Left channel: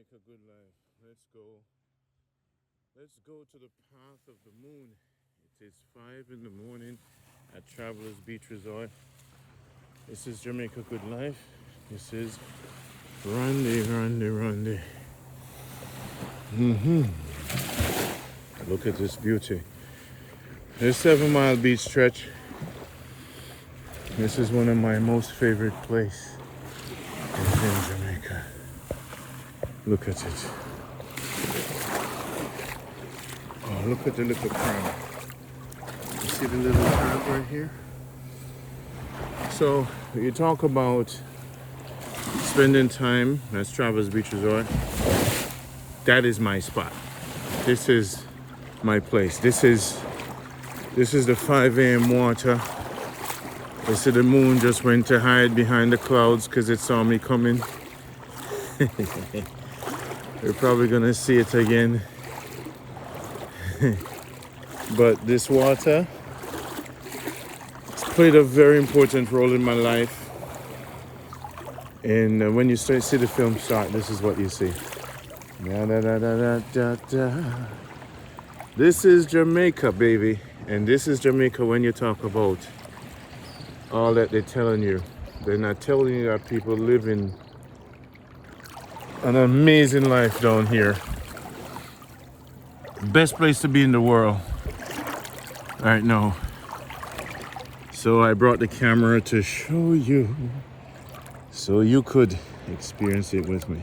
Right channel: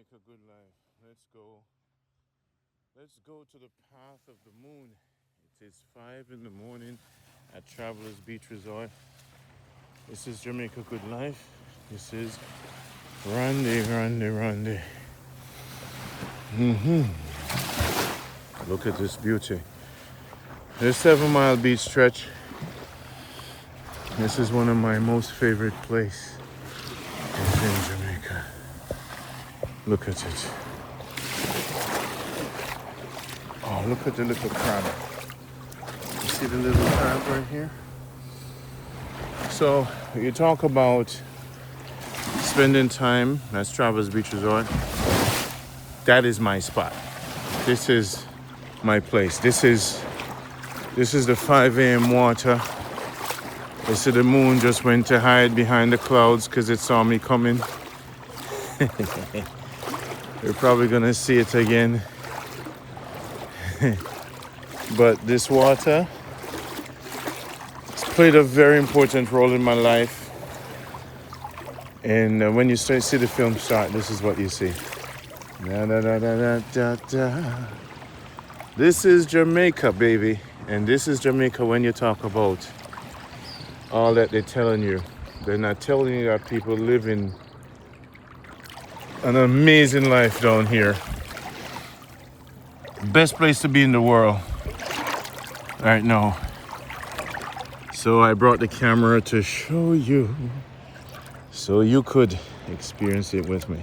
Jamaica Good Life. Let's go. Let's go to the path of the moon. It is 5 in the morning at Travelers Beach Resort. This is Jamaica Good Life. This is Randy. Look at this beauty. This 7 mile beach stretch. This is one of my most favorite places in Jamaica. Look at it. Oh, look at the little crab. You see the little crab right here? So, you talk about spending time at Travelers Beach Resort. That is my spot. This is my place. This is the 5 a.m. water. You see the moon just went to hide behind the clouds because it saw me coming. We're probably gonna see it again. But this water has played a very important role in my life. And when you see the film start, this is what you see. Da, da, da, da, da, da. This is Jamaica, baby. And this is Jamaica when you talk about all that they're telling you. They're not telling you that people living an amazing life down here. Best place to be in the world right now. So I brought the camera to show you so you could experience it with me.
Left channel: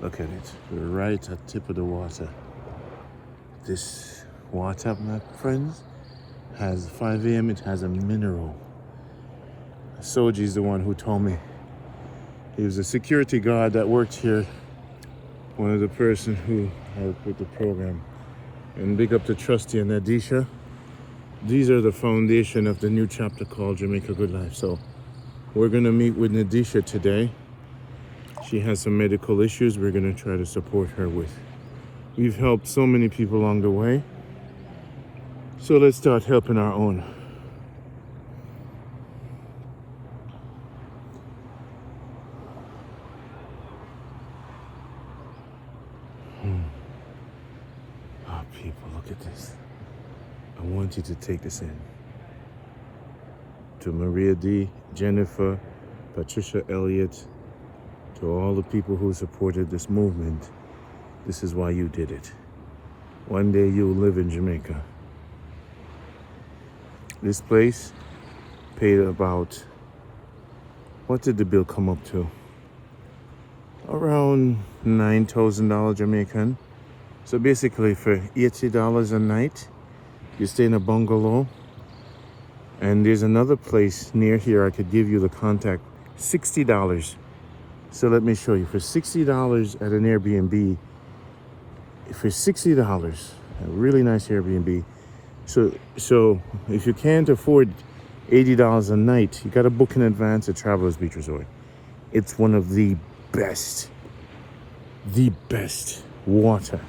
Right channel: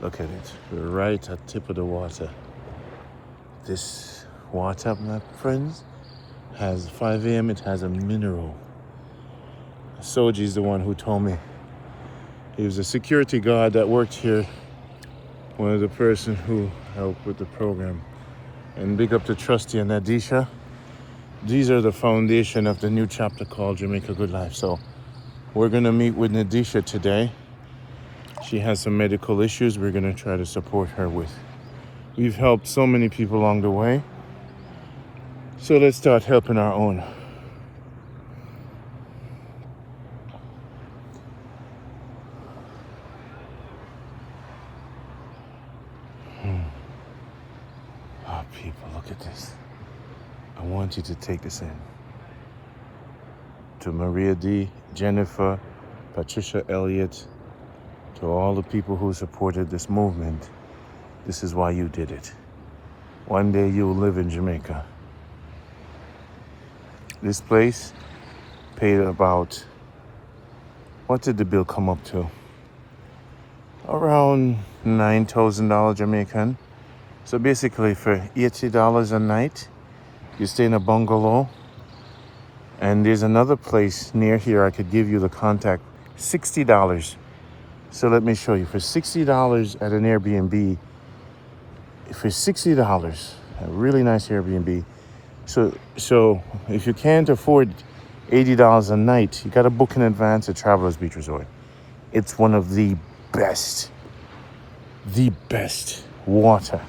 Look at it. We're right at the tip of the water. This water, my friends, has 5 a.m. It has a mineral. Soji is the one who told me. He was a security guard that worked here. One of the person who helped with the program. And big up to Trustee and Nadisa. These are the foundation of the new chapter called Jamaica Good Life. So we're gonna meet with Nadisa today. She has some medical issues we're gonna try to support her with. We've helped so many people along the way. So let's start helping our own. Oh, people, look at this. I want you to take this in. To Maria D, Jennifer, Patricia Elliott, to all the people who supported this movement, this is why you did it. One day you'll live in Jamaica. This place paid about, what did the bill come up to? Around $9,000 Jamaican. So basically for $80 a night, you stay in a bungalow. And there's another place near here, I could give you the contact, $60. So let me show you. For $60 at an Airbnb, for $60, a really nice Airbnb. So if you can't afford $80 a night, you got to book in advance at Travelers Beach Resort. It's one of the best water.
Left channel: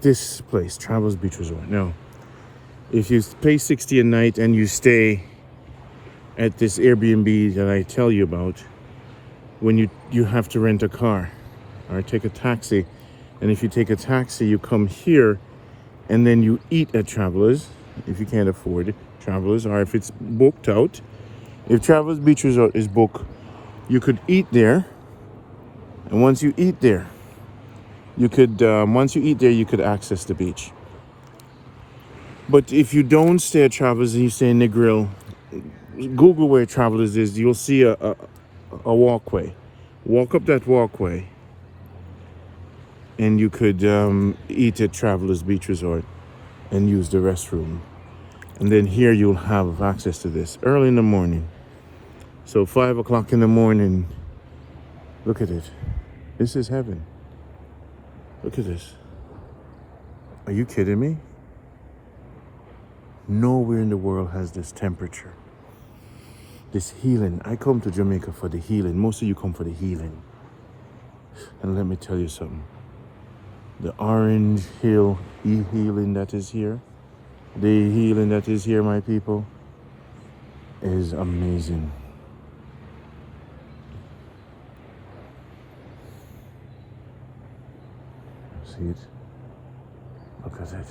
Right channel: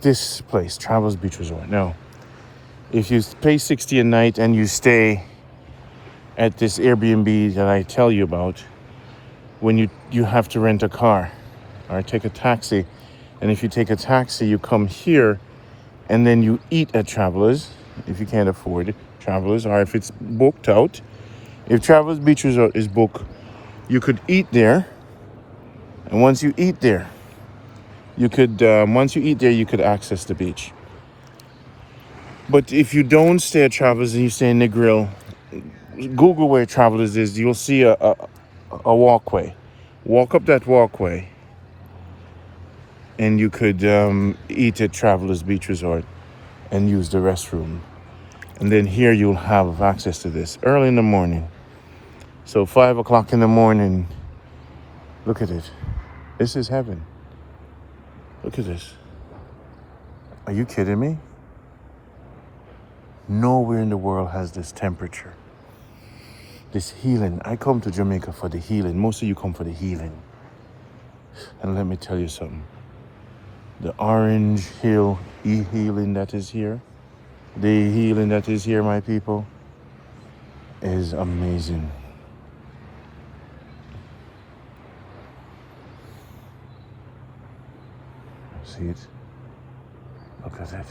This place, Travelers Beach Resort. Now, if you pay $60 a night and you stay at this Airbnb that I tell you about, when you have to rent a car or take a taxi. And if you take a taxi, you come here and then you eat at Travelers, if you can't afford it, Travelers, or if it's booked out. If Travelers Beach Resort is booked, you could eat there. And once you eat there, you could access the beach. But if you don't stay at Travelers and you stay in Negril, Google where Travelers is, you'll see a walkway. Walk up that walkway and you could eat at Travelers Beach Resort and use the restroom. And then here you'll have access to this early in the morning. So 5 o'clock in the morning, look at it. This is heaven. Look at this. Are you kidding me? Nowhere in the world has this temperature. This healing. I come to Jamaica for the healing. Most of you come for the healing. And let me tell you something. The Orange Hill healing that is here, the healing that is here, my people, is amazing. See it? Look at it.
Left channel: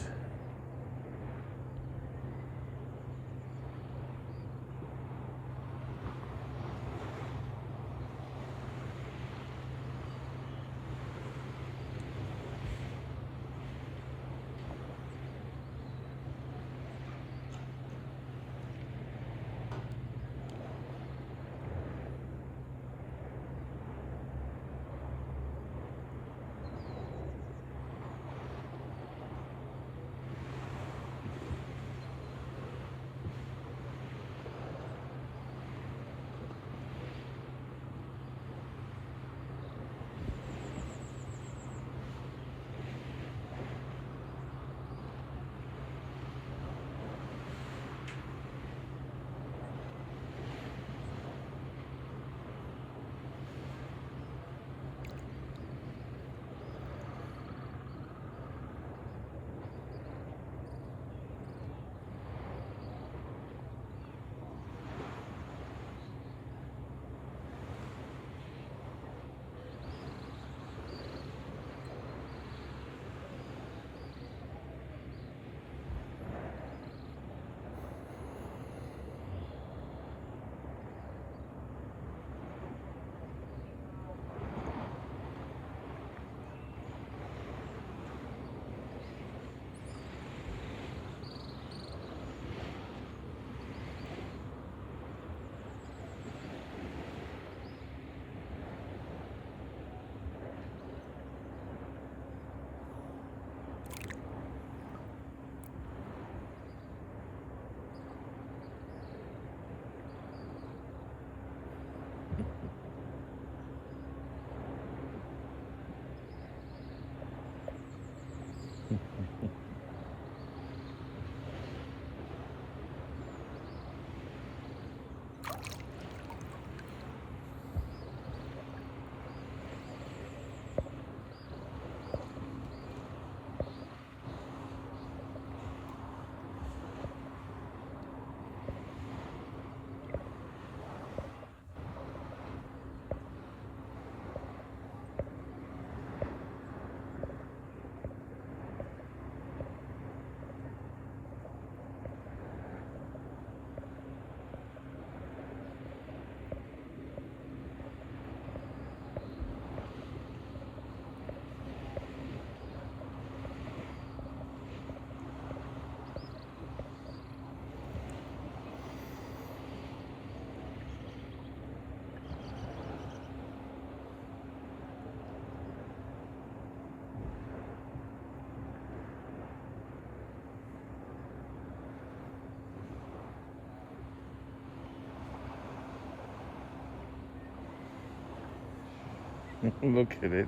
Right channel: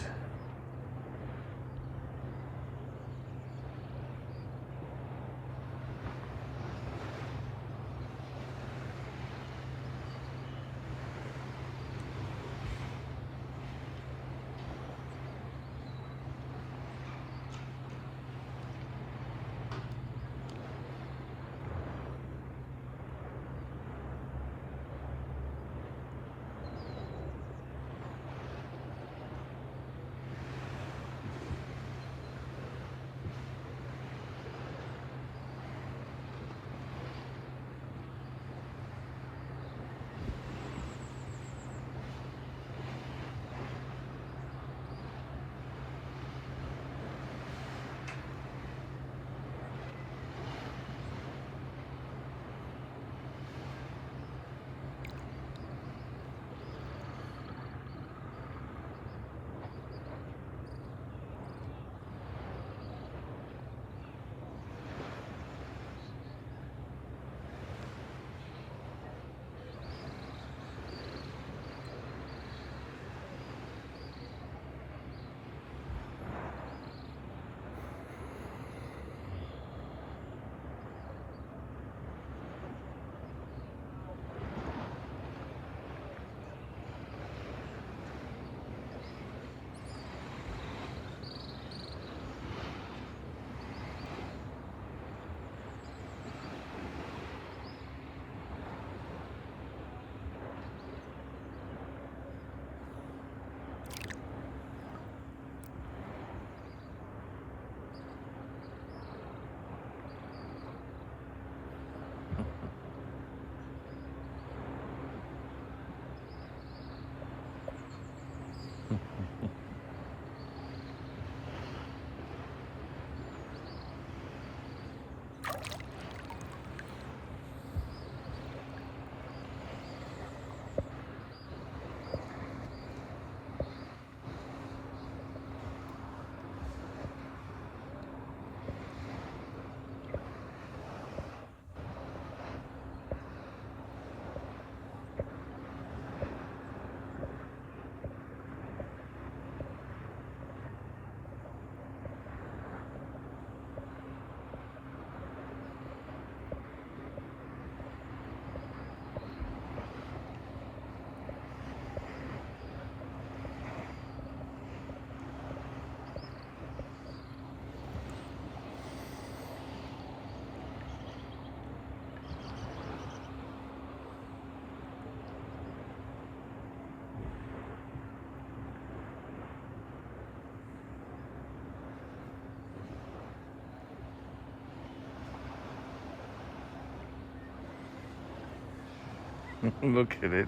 Look at it.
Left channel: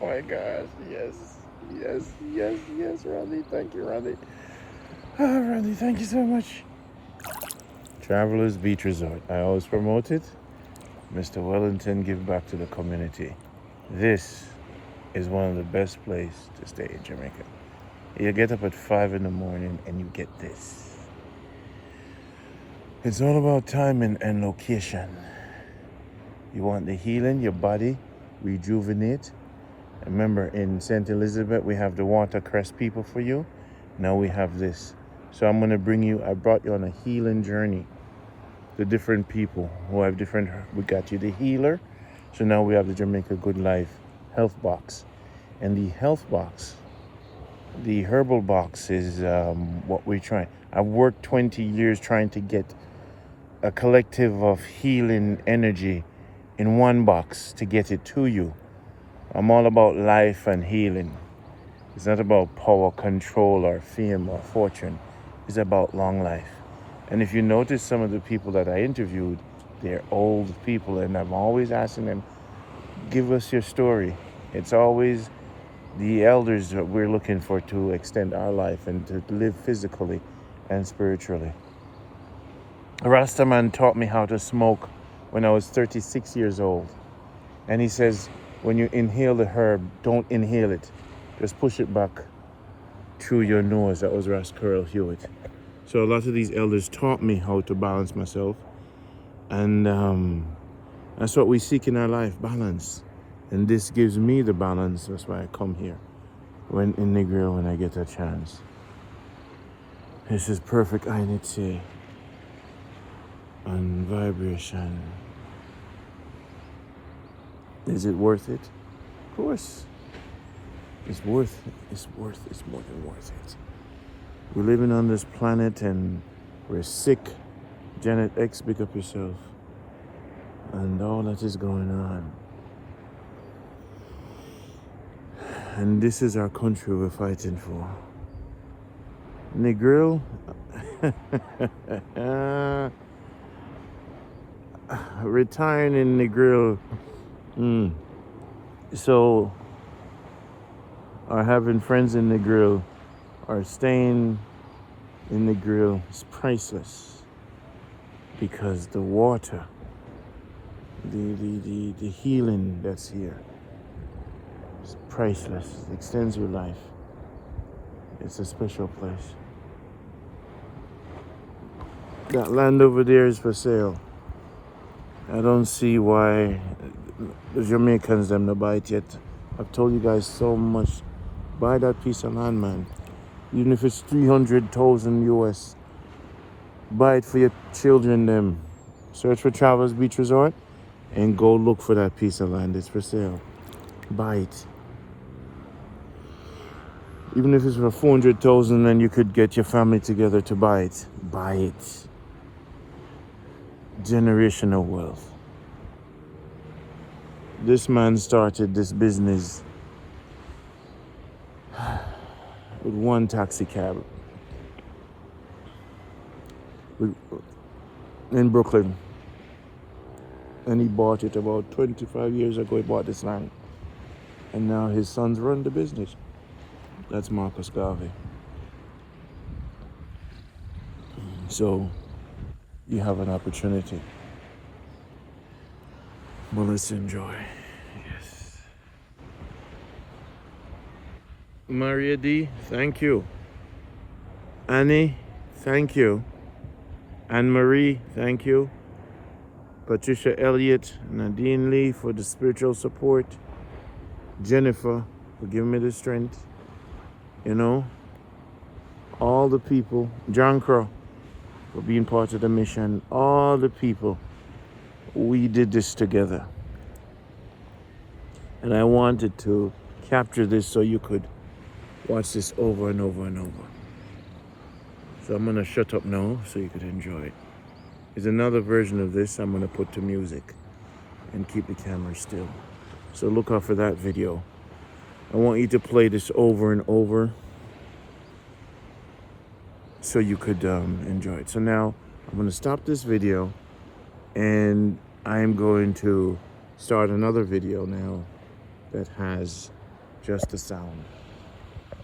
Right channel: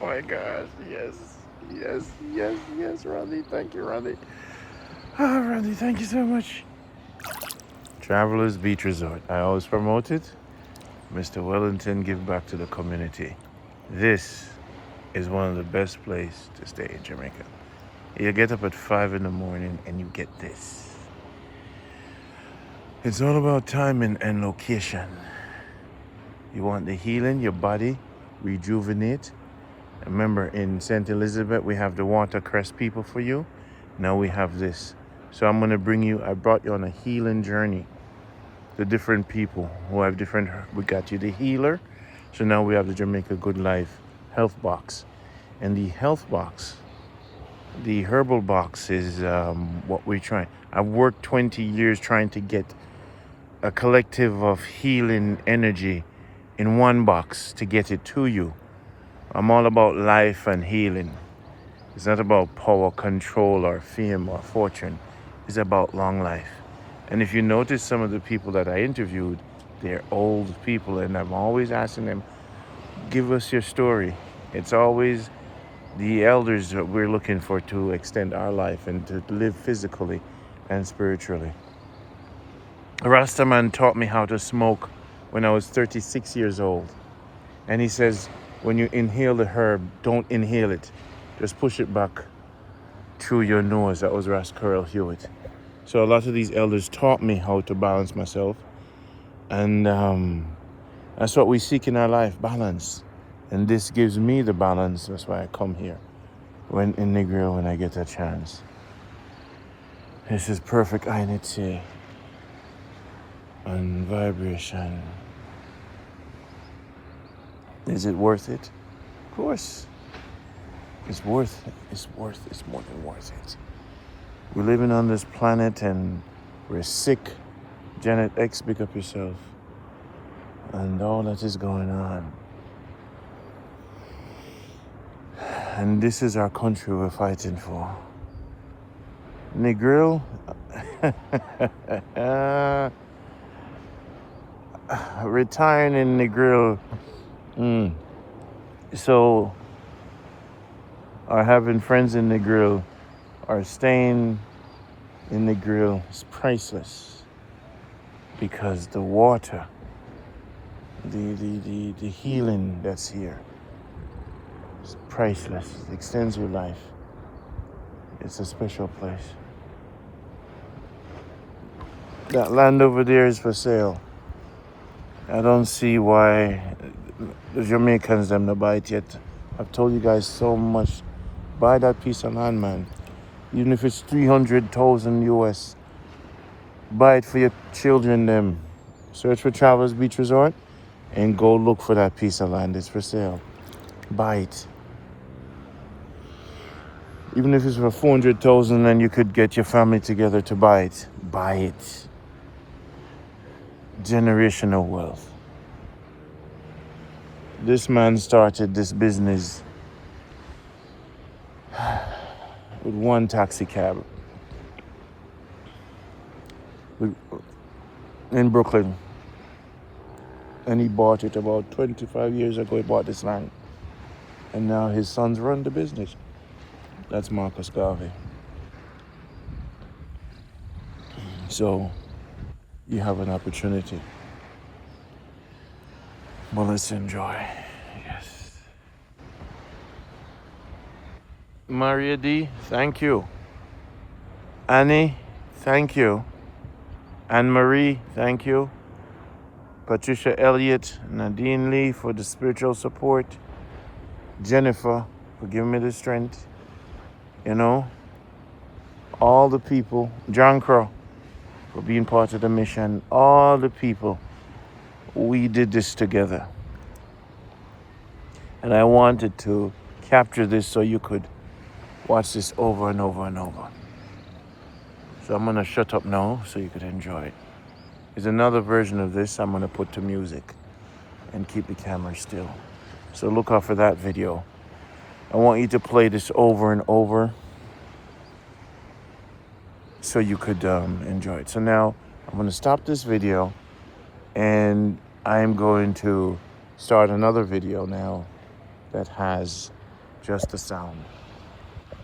Oh my gosh, yes, yes, yes, yes, Randy. Thank you, Randy. Ah, Randy, thank you so much. Travelers Beach Resort. I always promote it. Mr. Wellington, give back to the community. This is one of the best places to stay in Jamaica. You get up at 5 in the morning and you get this. It's all about time and location. You want the healing, your body, rejuvenate. Remember, in St. Elizabeth, we have the watercress people for you. Now we have this. So I'm gonna I brought you on a healing journey. The different people who have different, we got you the healer. So now we have the Jamaica Good Life health box. And the health box, the herbal box is what we're trying. I've worked 20 years trying to get a collective of healing energy in one box to get it to you. I'm all about life and healing. It's not about power, control, or fame, or fortune. It's about long life. And if you notice some of the people that I interviewed, they're old people, and I'm always asking them, give us your story. It's always the elders that we're looking for to extend our life and to live physically and spiritually. A Rasta man taught me how to smoke when I was 36 years old. And he says, when you inhale the herb, don't inhale it. Just push it back through your nose. That was Ras Karl Hewitt. So a lot of these elders taught me how to balance myself. And that's what we seek in our life, balance. And this gives me the balance. That's why I come here. when in Negril when I get a chance. This is perfect Ainitse and vibration. Is it worth it? Of course. It's worth it. It's more than worth it. We're living on this planet and we're sick. Janet X, pick up yourself. And all that is going on. And this is our country we're fighting for. Negril, retiring in Negril. So, or having friends in Negril, or staying in Negril is priceless. Because the water, the healing that's here is priceless. It extends your life. It's a special place. That land over there is for sale. I don't see why the Jamaicans them to buy it yet. I've told you guys so much. Buy that piece of land, man. Even if it's 300,000 US. Buy it for your children them. Search for Travelers Beach Resort and go look for that piece of land. It's for sale. Buy it. Even if it's for 400,000 and you could get your family together to buy it. Buy it. Generational wealth. This man started this business with one taxi cab in Brooklyn. And he bought it about 25 years ago. He bought this land. And now his sons run the business. That's Marcus Garvey. So you have an opportunity. Well, let's enjoy. Yes. Maria D, thank you. Annie, thank you. Anne-Marie, thank you. Patricia Elliott, Nadine Lee for the spiritual support. Jennifer for giving me the strength. You know, all the people. John Crow for being part of the mission. All the people. We did this together. And I wanted to capture this so you could watch this over and over and over. So I'm going to shut up now so you could enjoy it. There's another version of this I'm going to put to music and keep the camera still. So look out for that video. I want you to play this over and over so you could enjoy it. So now I'm going to stop this video and I'm going to start another video now that has just the sound.